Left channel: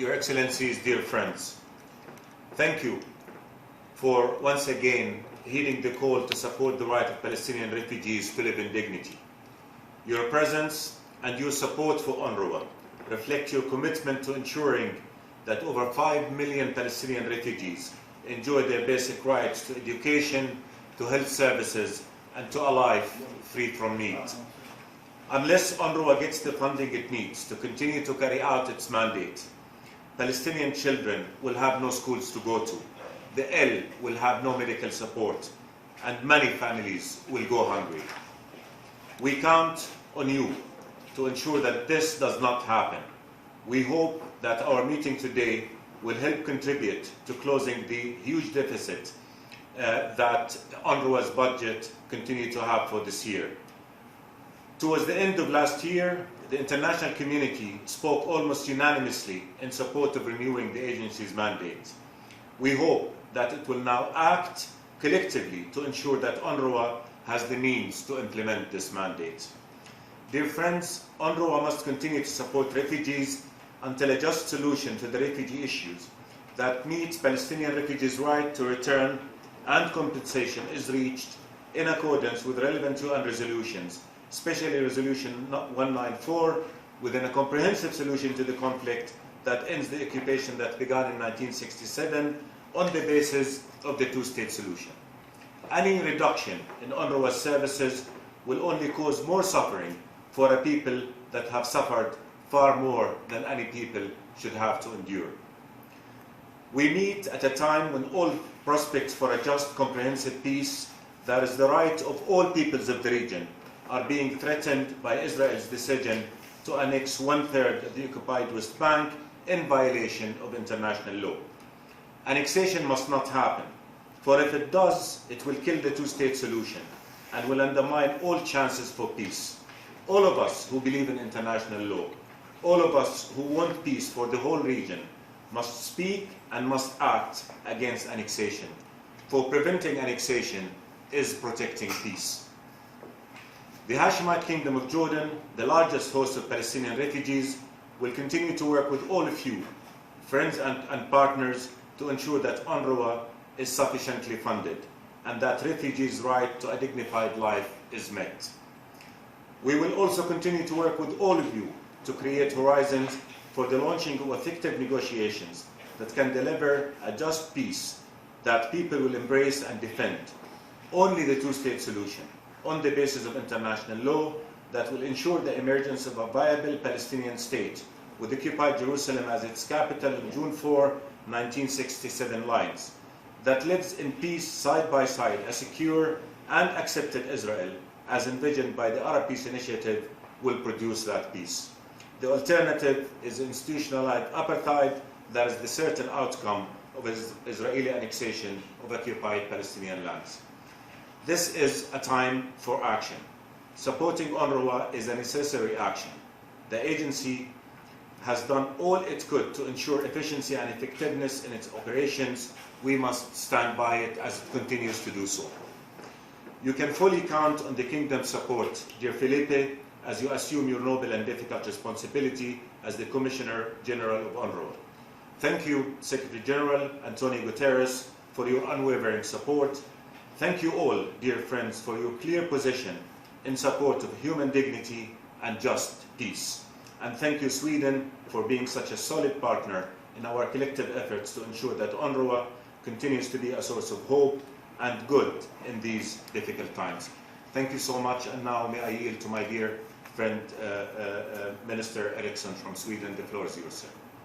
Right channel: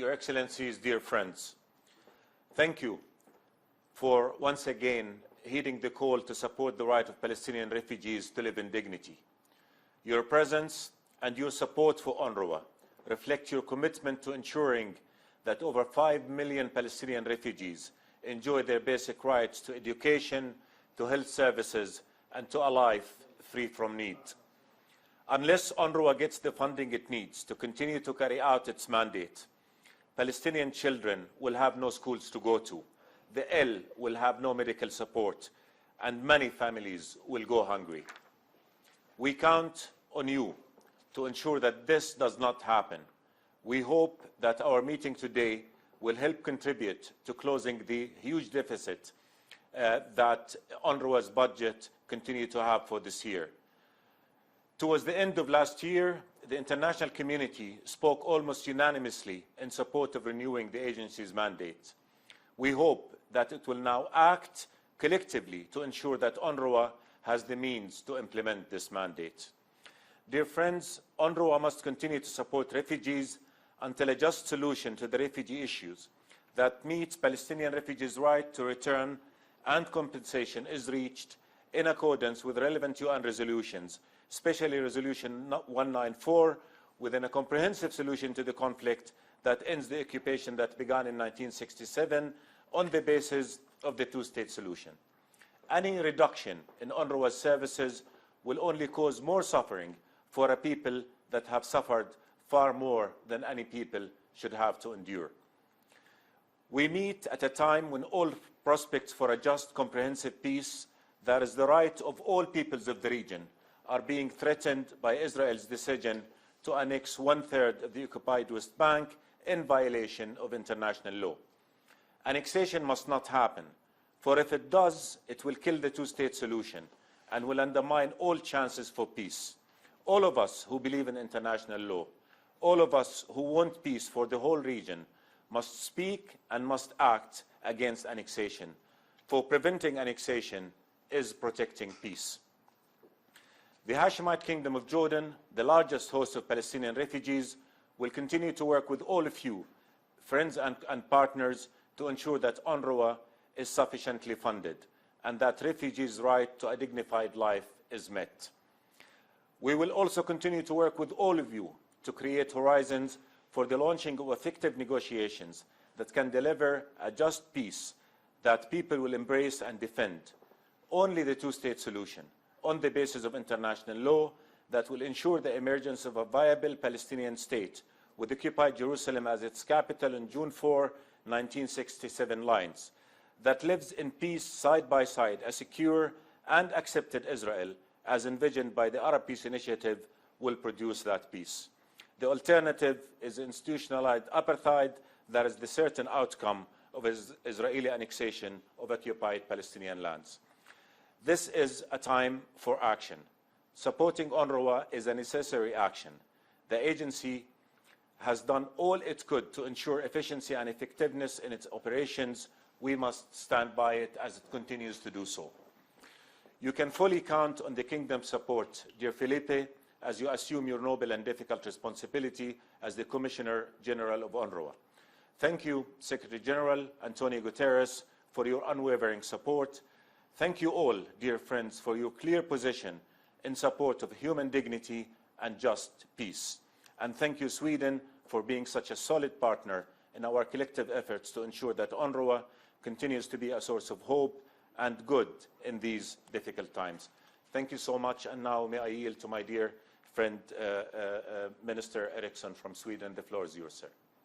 Your Excellencies, dear friends, thank you for once again heeding the call to support the right of Palestinian refugees to live in dignity. Your presence and your support for UNRWA reflect your commitment to ensuring that over 5 million Palestinian refugees enjoy their basic rights to education, to health services, and to a life free from need. Unless UNRWA gets the funding it needs to continue to carry out its mandate, Palestinian children will have no schools to go to, the ill will have no medical support, and many families will go hungry. We count on you to ensure that this does not happen. We hope that our meeting today will help contribute to closing the huge deficit that UNRWA's budget continues to have for this year. Towards the end of last year, the international community spoke almost unanimously in support of renewing the agency's mandate. We hope that it will now act collectively to ensure that UNRWA has the means to implement this mandate. Dear friends, UNRWA must continue to support refugees until a just solution to the refugee issues that meets Palestinian refugees' right to return and compensation is reached in accordance with relevant UN resolutions, especially Resolution 194, within a comprehensive solution to the conflict that ends the occupation that began in 1967 on the basis of the two-state solution. Any reduction in UNRWA's services will only cause more suffering for a people that have suffered far more than any people should have to endure. We meet at a time when all prospects for a just, comprehensive peace, that is the right of all peoples of the region, are being threatened by Israel's decision to annex 1/3 of the occupied West Bank in violation of international law. Annexation must not happen, for if it does, it will kill the two-state solution and will undermine all chances for peace. All of us who believe in international law, all of us who want peace for the whole region, must speak and must act against annexation, for preventing annexation is protecting peace. The Hashemite Kingdom of Jordan, the largest host of Palestinian refugees, will continue to work with all of you, friends and partners, to ensure that UNRWA is sufficiently funded and that refugees' right to a dignified life is met. We will also continue to work with all of you to create horizons for the launching of effective negotiations that can deliver a just peace that people will embrace and defend. Only the two-state solution, on the basis of international law, that will ensure the emergence of a viable Palestinian state with occupied Jerusalem as its capital in June 4, 1967 lines, that lives in peace side by side, a secure and accepted Israel, as envisioned by the Arab Peace Initiative, will produce that peace. The alternative is institutionalized apartheid that is the certain outcome of Israeli annexation of occupied Palestinian lands. This is a time for action. Supporting UNRWA is a necessary action. The agency has done all it could to ensure efficiency and effectiveness in its operations. We must stand by it as it continues to do so. You can fully count on the Kingdom's support, dear Felipe, as you assume your noble and difficult responsibility as the Commissioner General of UNRWA. Thank you, Secretary General Antonio Guterres, for your unwavering support. Thank you all, dear friends, for your clear position in support of human dignity and just peace. And thank you, Sweden, for being such a solid partner in our collective efforts to ensure that UNRWA continues to be a source of hope and good in these difficult times. Thank you so much, and now may I yield to my dear friend, Minister Eriksson from Sweden. The floor is yours, sir.